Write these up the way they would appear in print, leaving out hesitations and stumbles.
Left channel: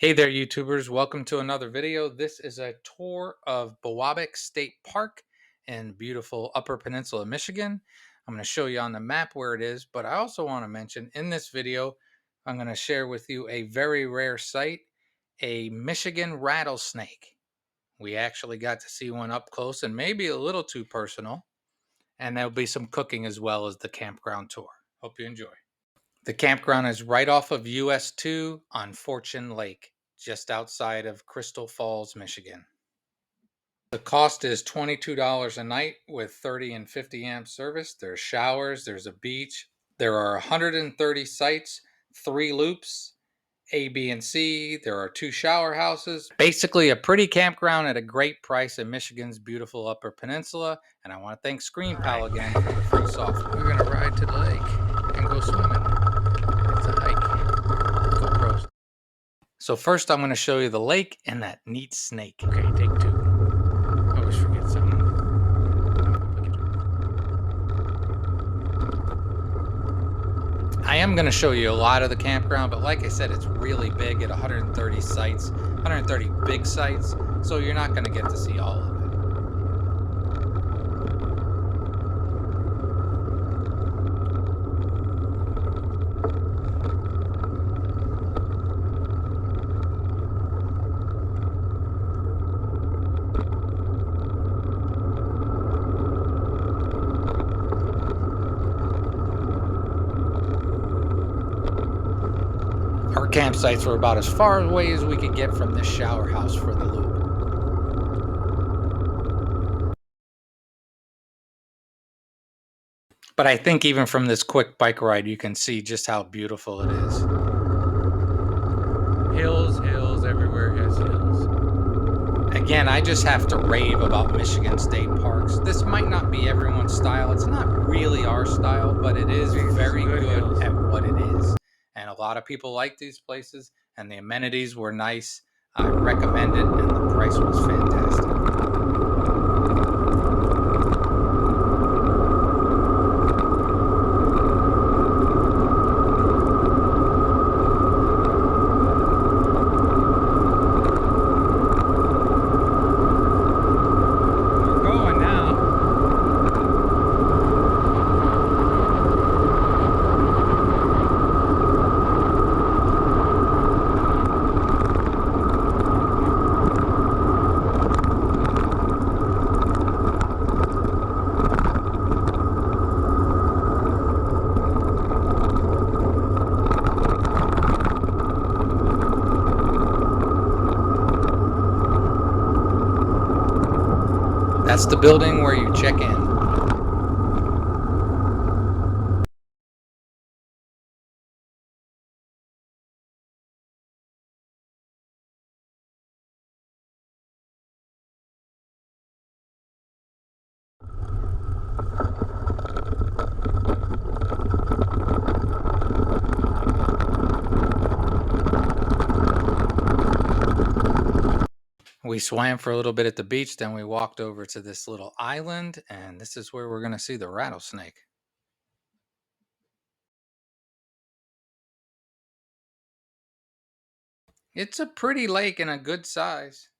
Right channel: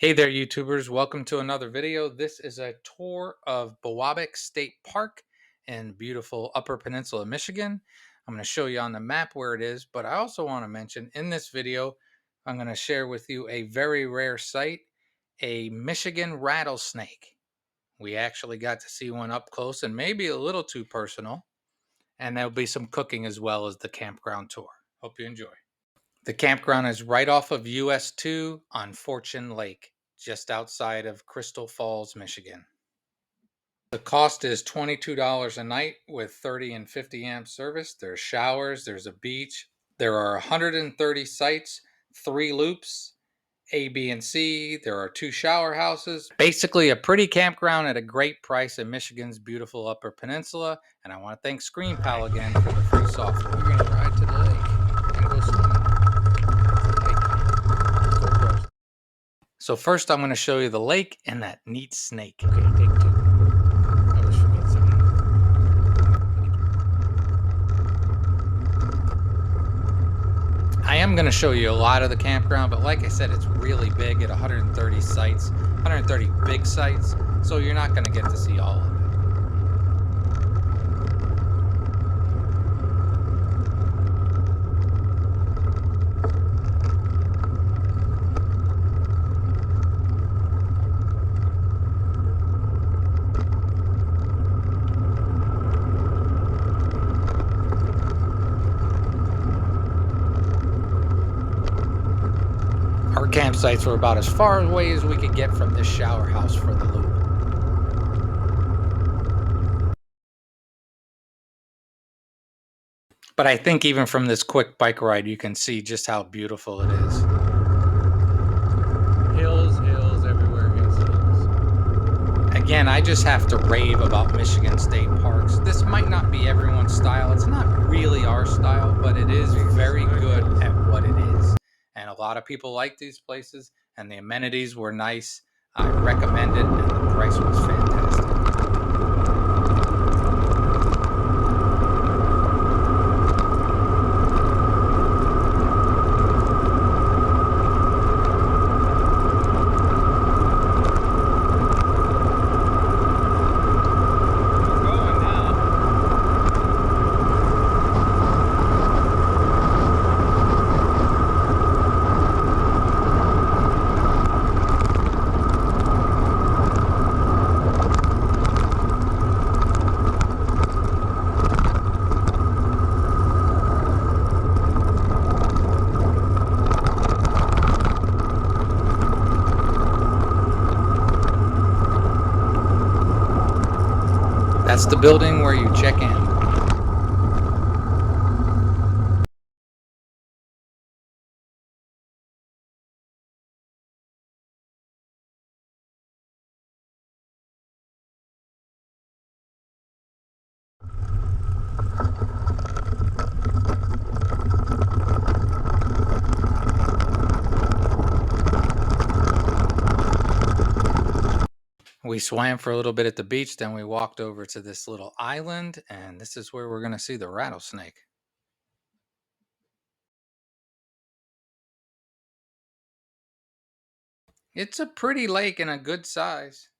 Hey there, YouTubers. Welcome to another video. This is a tour of Bewabic State Park in beautiful Upper Peninsula, Michigan. I'm going to show you on the map where it is, but I also want to mention in this video, I'm going to share with you a very rare sight, a Michigan rattlesnake. We actually got to see one up close and maybe a little too personal, and there'll be some cooking as well as the campground tour. Hope you enjoy. The campground is right off of US 2 on Fortune Lake, just outside of Crystal Falls, Michigan. The cost is $22 a night with 30 and 50 amp service. There's showers, there's a beach. There are 130 sites, 3 loops, A, B, and C. There are 2 shower houses. Basically a pretty campground at a great price in Michigan's beautiful Upper Peninsula. And I want to thank ScreenPal again for the free software. We're going to ride to the lake and go swimming. It's a hike. GoPros. So first I'm going to show you the lake and that neat snake. Okay, take 2. I always forget something. I am going to show you a lot of the campground, but like I said, it's really big at 130 sites, 130 big sites, so you're not going to get to see all of it. Our campsites were about as far away as we could get from this shower house for the loop. But I think even from this quick bike ride, you can see just how beautiful it is. Hills, hills, everywhere has hills. Again, I just have to rave about Michigan State Parks. This might not be everyone's style. It's not really our style, but it is very good at what it is. And a lot of people like these places, and the amenities were nice. I recommend it, and the price was fantastic. We're going now. That's the building where you check in. We swam for a little bit at the beach, then we walked over to this little island, and this is where we're going to see the rattlesnake. It's a pretty lake and a good size.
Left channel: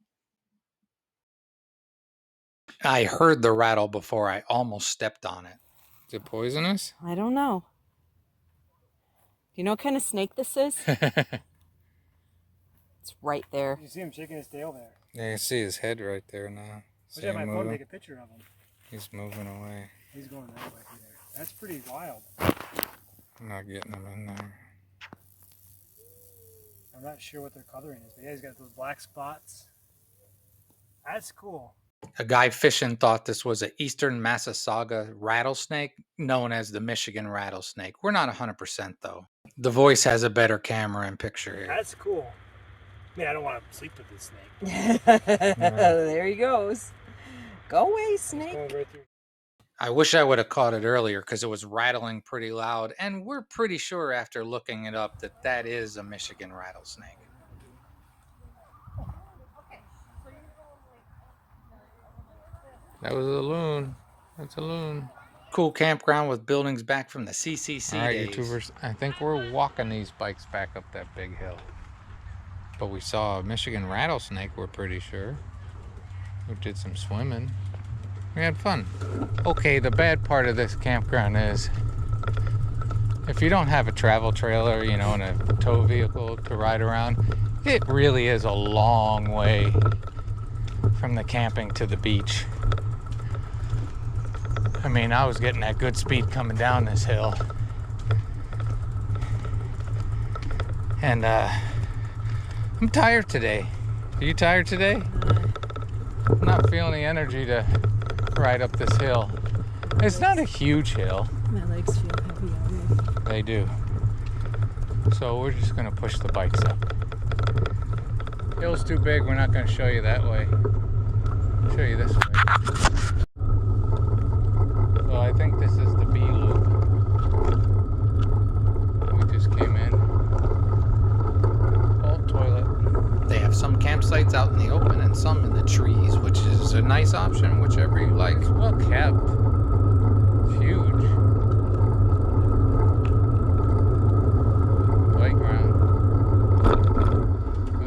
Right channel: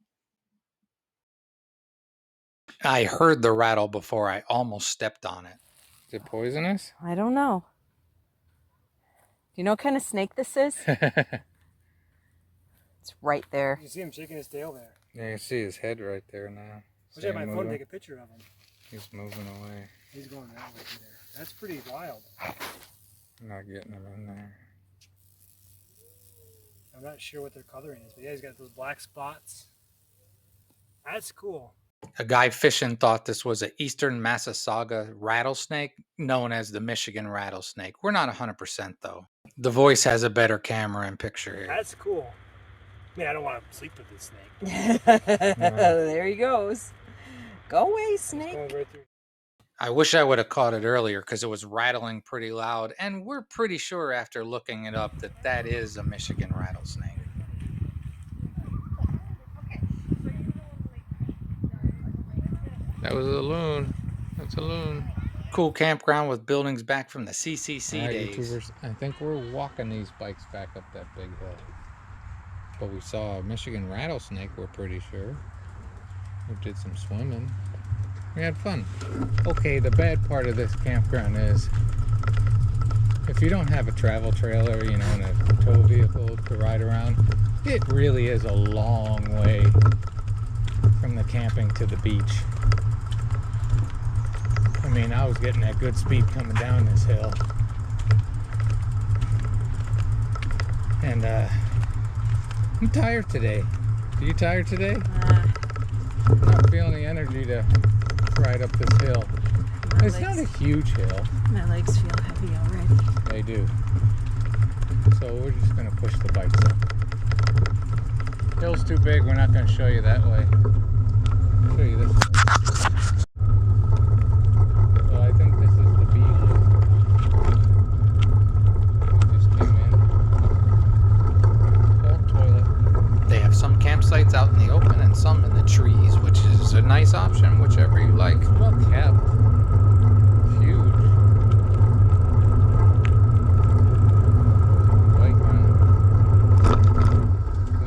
I heard the rattle before I almost stepped on it. Is it poisonous? I don't know. You know what kind of snake this is? It's right there. You see him shaking his tail there. Yeah, you see his head right there now. I should have my phone to take a picture of him. He's moving away. He's going right over there. That's pretty wild. I'm not getting him in there. I'm not sure what their coloring is, but yeah, he's got those black spots. That's cool. A guy fishing thought this was an eastern Massausaga rattlesnake, known as the Michigan rattlesnake. We're not 100% though. The voice has a better camera and picture here. That's cool. I mean, I don't want to sleep with this snake. There he goes. Go away, snake. I wish I would have caught it earlier because it was rattling pretty loud, and we're pretty sure after looking it up that that is a Michigan rattlesnake. That was a loon. That's a loon. Cool campground with buildings back from the CCC days. YouTubers, I think we're walking these bikes back up that big hill. But we saw a Michigan rattlesnake, we're pretty sure. We did some swimming. We had fun. Okay, the bad part of this campground is if you don't have a travel trailer, you know, and a tow vehicle to ride around, it really is a long way from the camping to the beach. I mean, I was getting that good speed coming down this hill. And I'm tired today. Are you tired today? I'm not feeling the energy to ride up this hill. It's not a huge hill. My legs feel heavy already. They do. So we're just gonna push the bikes up. Hill's too big, we're not gonna show you that way. Show you this way. So I think this is the B loop. We just came in. All toilet. They have some campsites out in the open and some in the trees, which is a nice option, whichever you like. It's well kept. It's huge. Playground.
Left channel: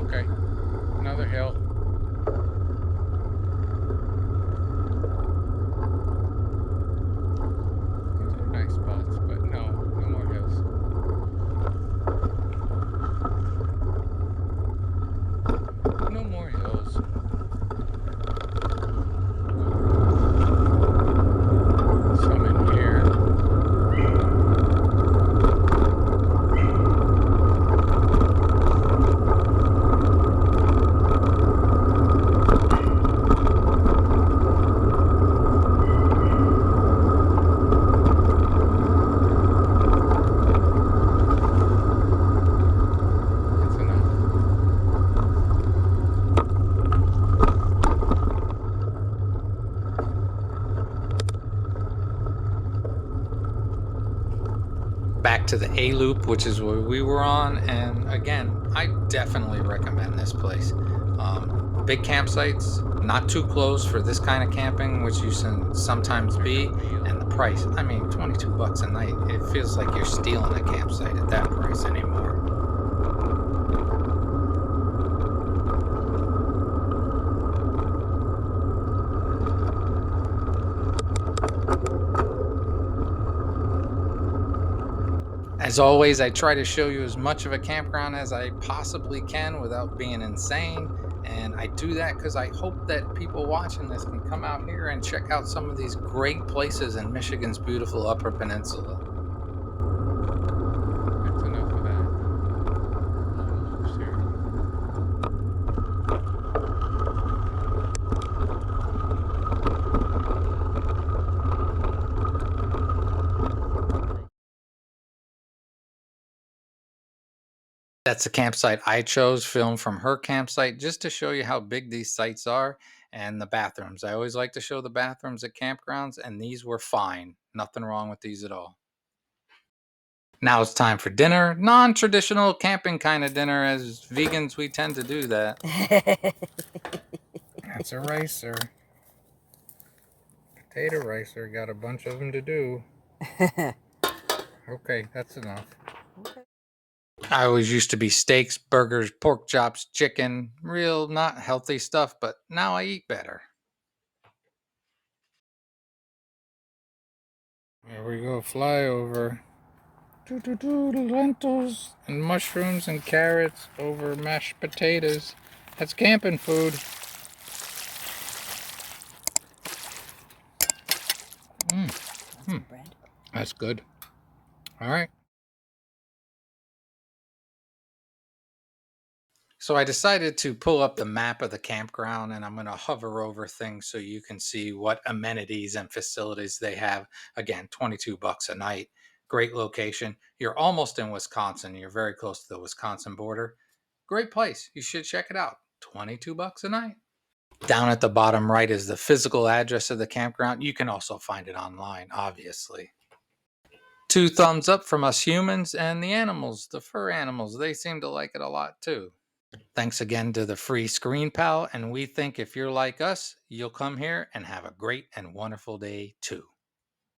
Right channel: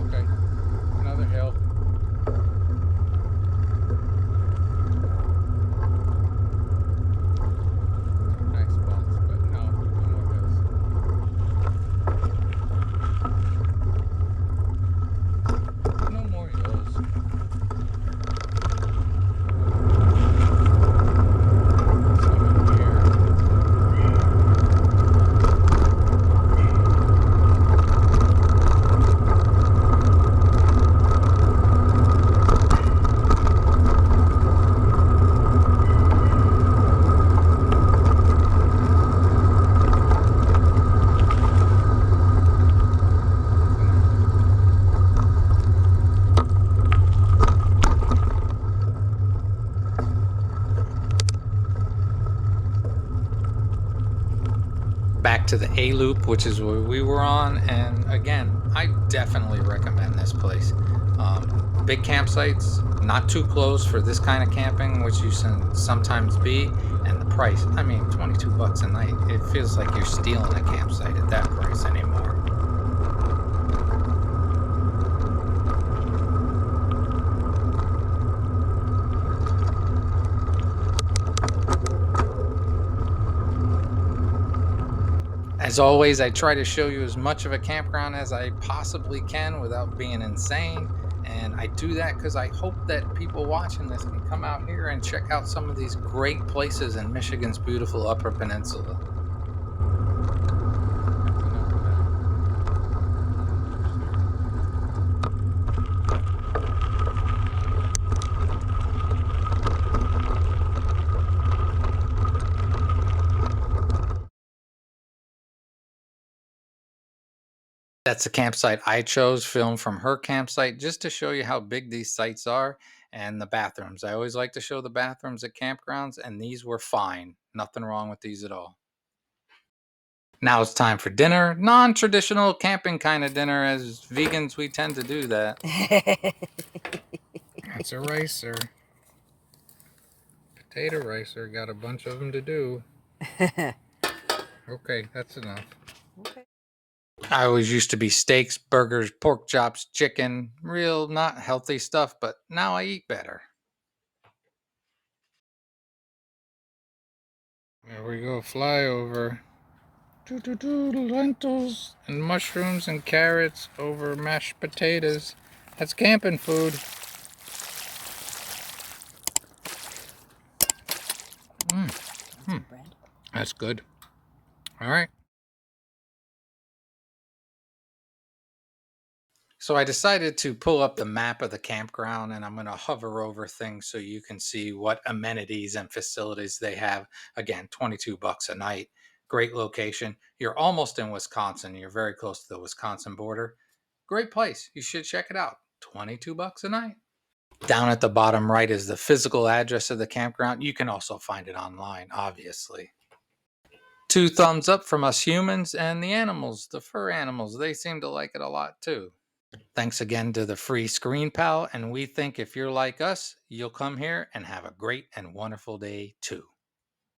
Okay, another hill. These are nice spots, but no more hills. No more hills. Some in here. That's enough. Back to the A loop, which is where we were on, and again, I definitely recommend this place. Big campsites, not too close for this kind of camping, which you can sometimes be, and the price, I mean, 22 bucks a night. It feels like you're stealing a campsite at that price anymore. As always, I try to show you as much of a campground as I possibly can without being insane. And I do that because I hope that people watching this can come out here and check out some of these great places in Michigan's beautiful Upper Peninsula. That's enough of that. A lot of loops here. That's the campsite I chose, filmed from her campsite, just to show you how big these sites are and the bathrooms. I always like to show the bathrooms at campgrounds, and these were fine. Nothing wrong with these at all. Now it's time for dinner. Non-traditional camping kind of dinner. As vegans, we tend to do that. That's a ricer. Potato ricer. Got a bunch of them to do. Okay, that's enough. Okay. I always used to be steaks, burgers, pork chops, chicken. Real not healthy stuff, but now I eat better. There we go, flyover. Lentils and mushrooms and carrots over mashed potatoes. That's camping food. Bread. That's good. All right. So I decided to pull up the map of the campground, and I'm going to hover over things so you can see what amenities and facilities they have. Again, 22 bucks a night. Great location. You're almost in Wisconsin. You're very close to the Wisconsin border. Great place. You should check it out. 22 bucks a night. Down at the bottom right is the physical address of the campground. You can also find it online, obviously. 2 thumbs up from us humans, and the animals, the fur animals, they seem to like it a lot too. Thanks again to the free Screen Pal, and we think if you're like us, you'll come here and have a great and wonderful day too.